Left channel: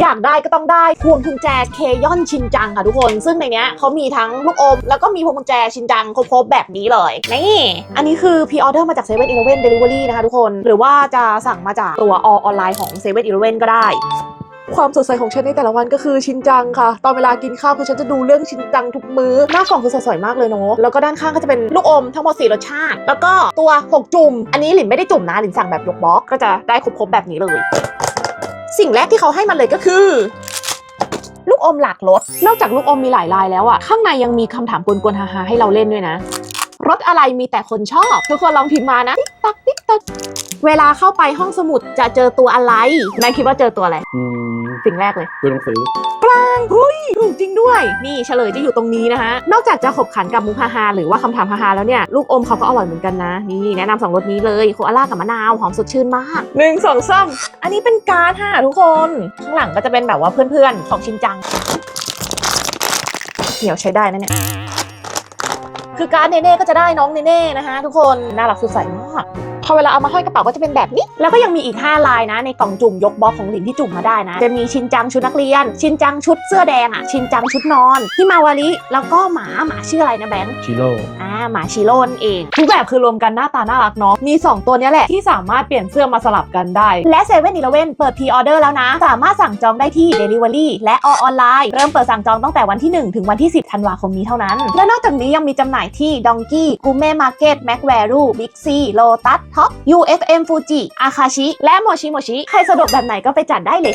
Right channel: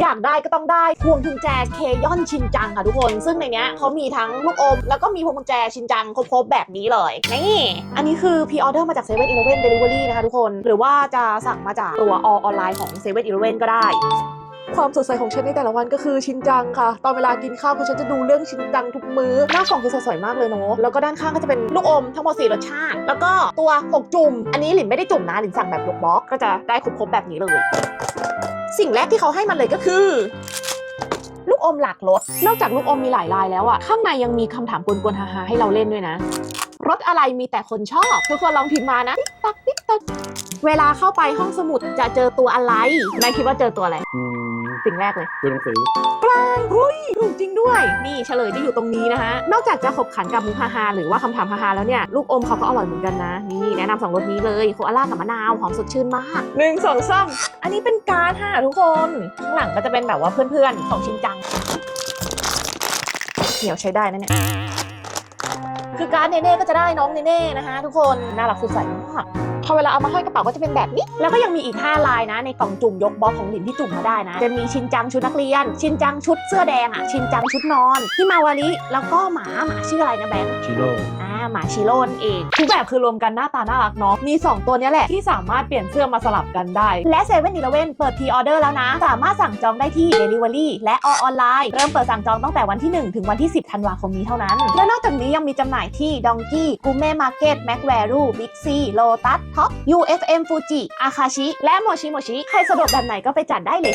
อยากได้ก็ต้องได้พวงกุญแจเคยอนชินจังค่ะทุกคน ซึ่งในเนี้ยเขามีทั้งลูกอม แล้วก็มีพวงกุญแจชินจังครบๆแบบนี้เลย นี่ อันนี้คือพ r ออเดอร์มาจาก7 e เ e ่ e อ e เ Delivery นะคะทุกคน หรือว่าจะสั่งมาจากตัวออนไลน์ของ7 e เ e ่ e อ e ก็ได้ ความสดใสของฉันในแต่ละวันก็คือชินจังค่ะ ตอนเวลากินข้าวคือฉันจะดูเรื่องชินจังทุกมื้อ หน้ากล่องคือสดใสมากเลยเนาะ แล้วก็ด้านข้างก็จะเป็นลูกอมทั้งหมด4รสชาติ แล้วก็ตัวหกจุ่ม อันนี้หลินไม่ได้จุ่มนะหลินสั่งแบบยกบล็อกก็จะได้ครบๆแบบนี้เลย สิ่งแรกที่เขาให้มาเลยก็คือ ลูกอมหลากรสนอกจากลูกอมมีหลายลายแล้วอะข้างในยังมีคำถามกวนๆฮาๆให้เราเล่นด้วยนะ รสอะไรมีแต่คนชอบ ทุกคนลองพิมพ์มานะติ๊กตักติ๊กตักเวลาเข้าไปห้องสมุดจะเจอตัวอะไรนายคิดว่าเจอตัวอะไร อืมสิ่งแรกเลย ตัวหนังสือ เฮ้ยถูกจริงด้วย นี่เฉลยจะอยู่ตรงนี้นะคะ นอกจากจะขบขันกับมุกฮาฮาหรือว่าคำถามฮาฮาแล้วเนี่ยลูกอมเขาก็อร่อยเหมือนกันนะ นี่แนะนำสองรสนี้เลยโคอาล่ากับมะนาวหอมสดชื่นมากหนึ่งสองสามอันนี้เป็นการ์ดค่ะทุกคนข้างหลังก็จะเป็นแบบว่าเพื่อนๆของชินจังเหนียวใช้ได้นะเนี่ยคือการ์ดเนเน่ก็จะได้น้องเนเน่นะคะทุกคนน่ารักสดใสมาก พอเวลาเอามาห้อยกระเป๋าก็จะเป็นแบบนี้ แล้วก็ยังมีอีก 5 ลายนะ ในกล่องจุ่มยกบล็อกของหลินที่จุ่มมาได้นะ จะมีชินจังชุดนักเรียน ชินจังชุดเสื้อแดงอะ ชินจังชุดนอนที่มาวาริแล้วก็หมาหมาชื่ออะไรนะแบงค์ชิโร่อ่าหมาชิโร่นั่นเองทุกแบบคือรวมกันหน้าตาน่ารักเนาะมี 2 ตัวเนี้ยแหละที่สามารถเปลี่ยนเสื้อมาสลับกันได้ และ7 e เ e ่ e อเปิดพ r ออเดอร์แล้วนะ สามารถสั่งจองได้ที่ Delivery และออนไลน์เริ่มเปิดสั่งจองตั้งแต่วันที่ 1 ถึงวันที่ 10ธันวาคมนี้เท่านั้น และนอกจากนี้ยังมีจำหน่ายที่ Donkey g u m e Market Mac Value Big ท็อป UFM Fuji อาคาชิ และโมชิโมชิ ใครสะดวกแบบไหนก็ไปจัดได้เลย